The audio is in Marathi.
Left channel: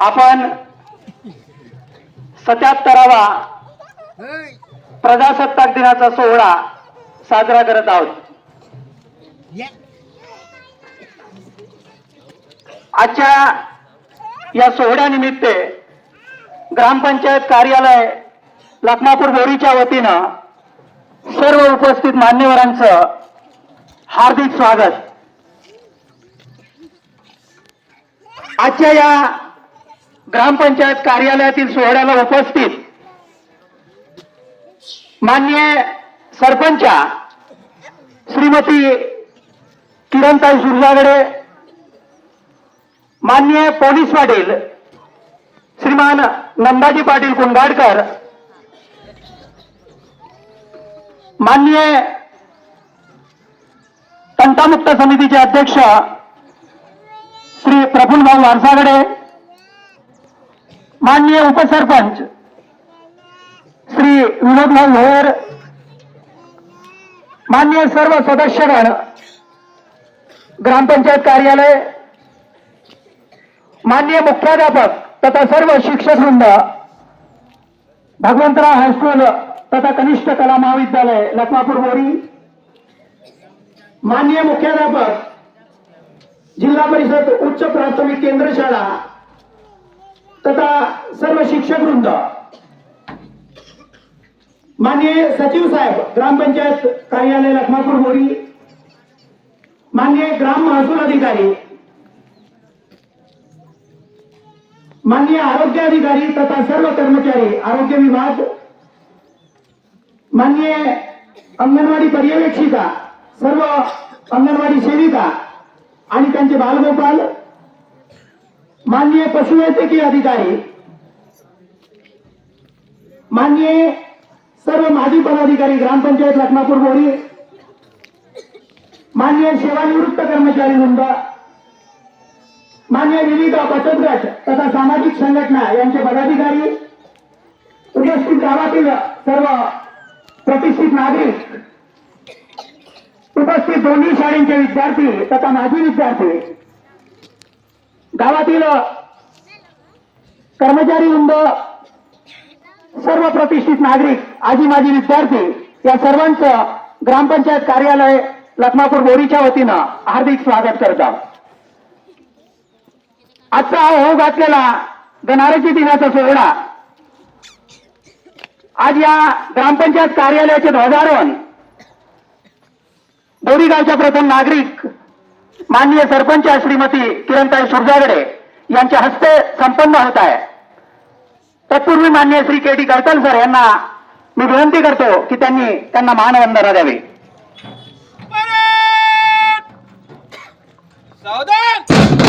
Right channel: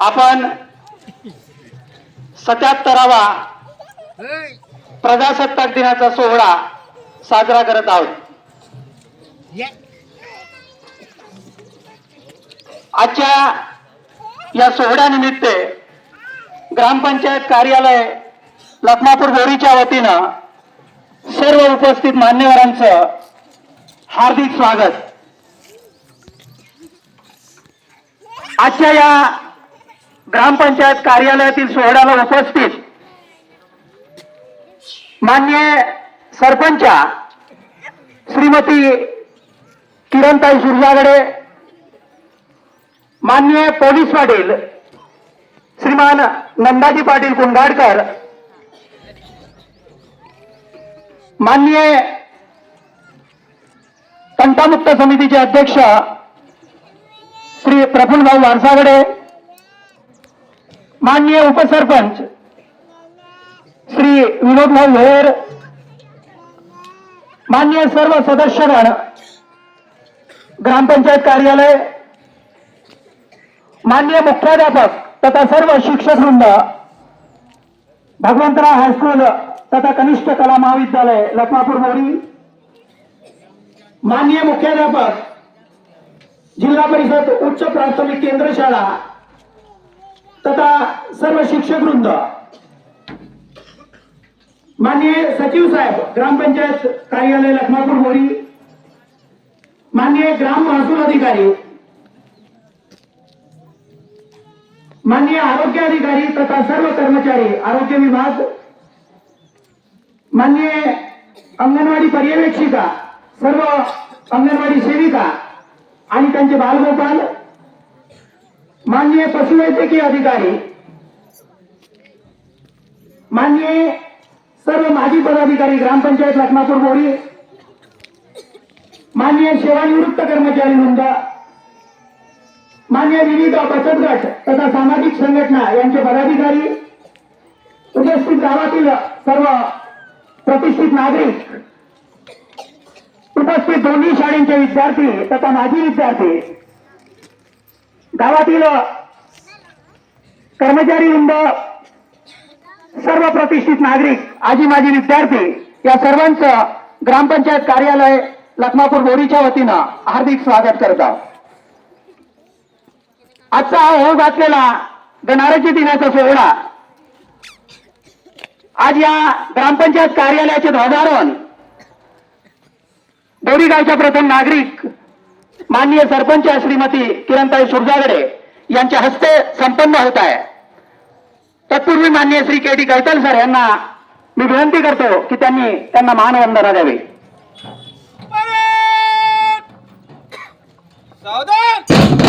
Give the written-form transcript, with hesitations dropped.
आपण 77वा प्रजासत्ताक दिनाचा सोहळा साजरा करत आहोत। आजच्या या सोहळ्यानिमित्त ग्रामपंचायत कार्यालय लखमापूर बोरीच्या वतीनं सर्व उपस्थित मान्यवरांचं हार्दिक स्वागत। आजच्या या ग्रामपंचायत कार्यालयातील सोहळ्याला उपस्थित माननीय सरपंच श्रीमती किरणताई सुरजागडे, माननीय पोलीस पाटील श्रीमान नंदाजी पाटील कुंडाडकर, माननीय तंटामुक्त समितीचे अध्यक्ष श्री प्रफुल्लभाऊ वारसागडे, माननीय उपसरपंच श्री विनोदभाऊ भोयर, माननीय सर्व सदस्यगण, ग्रामपंचायत कार्यालय, माननीय मुख्याध्यापक तथा सर्व शिक्षक वृंद, भगवंतराव हायस्कूल तथा कनिष्ठ कला महाविद्यालय लखमापूर बोरी, माननीय मुख्याध्यापक जिल्हा परिषद उच्च प्राथमिक केंद्र शाळा तथा सर्व शिक्षक वृंद, माननीय सचिव साहेब ग्रामपंचायत कार्यालय लखमापूर बोरी, माननीय ग्राम महसूल अधिकारी, माननीय आरोग्य अधिकारी तथा सर्व कर्मचारी आरोग्य विभाग, माननीय अंगणवाडी पर्यवेक्षिका, सर्व अंगणवाडी सेविका आणि त्यांचे बालगोपाल, माननीय पशुवैद्यकीय अधिकारी, माननीय सर्व माजी पदाधिकारी ग्रामपंचायत लखमापूर बोरी, माननीय सेवानिवृत्त कर्मचारी वृंद, मान्य विविध बचत गट तथा सामाजिक संघटना यांचे पदाधिकारी, उपस्थित गावातील सर्व प्रतिष्ठित नागरिक, उपस्थित दोन्ही शाळेचे विद्यार्थी तथा माजी विद्यार्थी, गावातील कर्मचारी वृंद, सर्व प्रतिष्ठित नागरिक, आजी माजी विद्यार्थी या सर्वांचं ग्रामपंचायत कार्यालय लखमापूर बोरीच्या वतीनं हार्दिक स्वागत करतो। आजचा हा होऊ घातलेला गणराज्य दिनाचा सोहळा आज या ग्रामपंचायत कार्यालयाचे ध्वजारोहण बोरी गावच्या प्रथम नागरिक माननीय सरपंच श्रीमती किरणताई सुरजागडे यांच्या हस्ते संपन्न होत आहे। तत्पूर्वी माननीय श्री के.टी. कैताल सर यांना मी विनंती करतो की त्यांना मानवंदना द्यावी। सावधान।